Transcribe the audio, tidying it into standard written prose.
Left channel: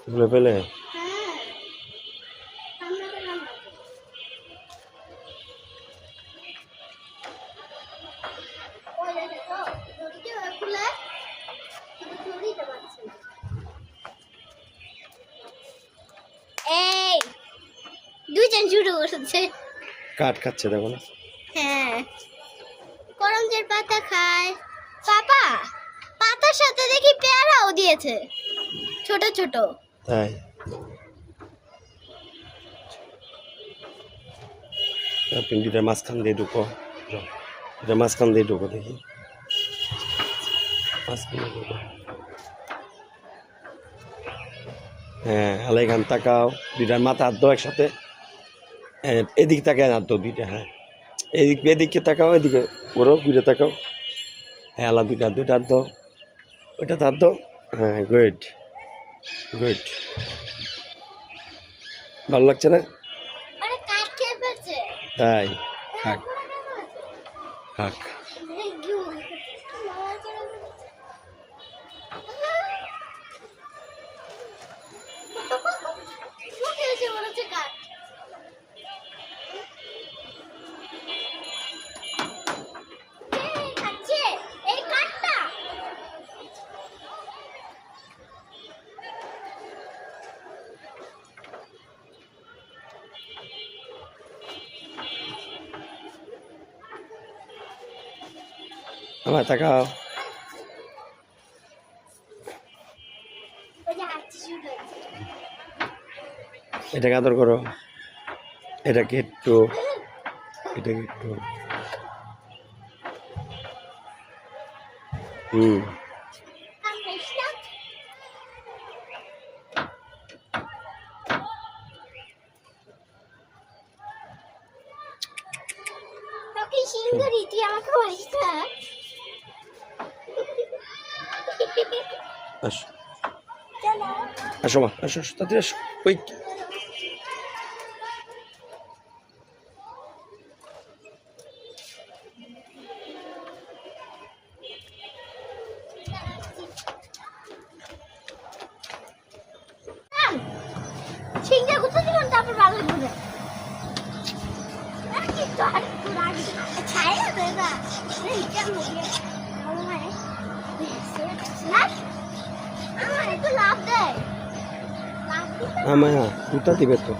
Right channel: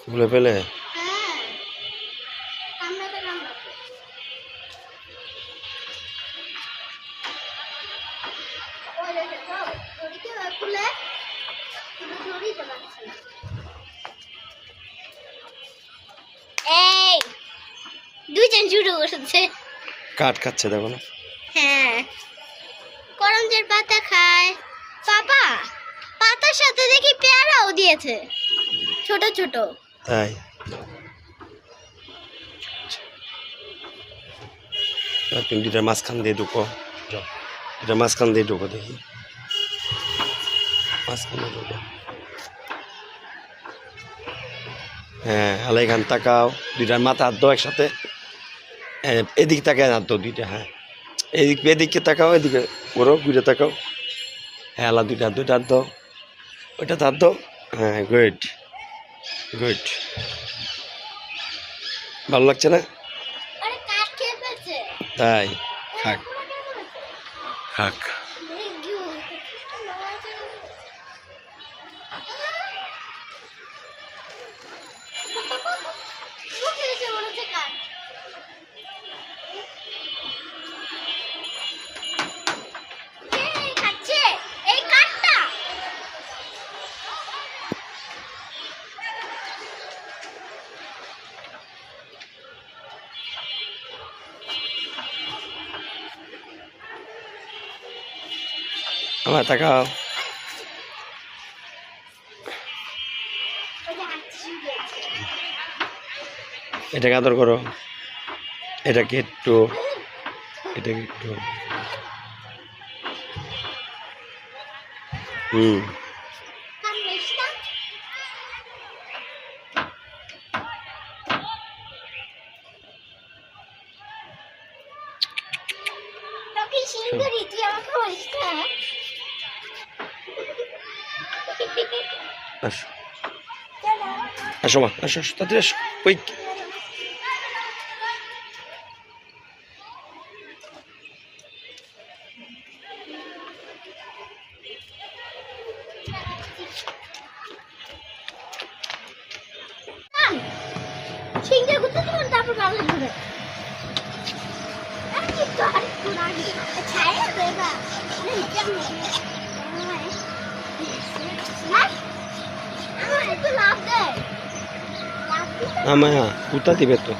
খুলে ফেলে দুইজন শুরু করছে কাঠ খাচ্ছে দেখো না। হ্যাঁ করঞ্জের পাতা খায় পাপা, পাতার সাথে দেখি পেয়ারাও দিয়েছে ছোট ছোট। তাই তুমি দুটার মাঝখান দিয়ে ঢুকো, এটা মাঝখান দিয়ে ঢুকো, দেখি মাঝখান দিয়ে ঢুকো। হ্যাঁ আলাই খান তাকাও, দুইটার মাথা হাত দাও একসাথে, এদিকে তাকায় হাত দাও দুইটা। হ্যাঁ এদিকে তাকাও, এদিকে করো, ঘুরে তাকাও। হ্যাঁ আলা দুইটা হাত দাও, ওইটা হাত দাও। হ্যাঁ গুড গুড, ভালো লাগছে না? তাই খাক খাক। আমার তাকাও, এটাকে আদর করো, এটাকে একটু, এটাকে একটু। আসো আসো মা, আসো আসো তাড়াতাড়ি আসো। ওই আমায় কুতা দিবে তো।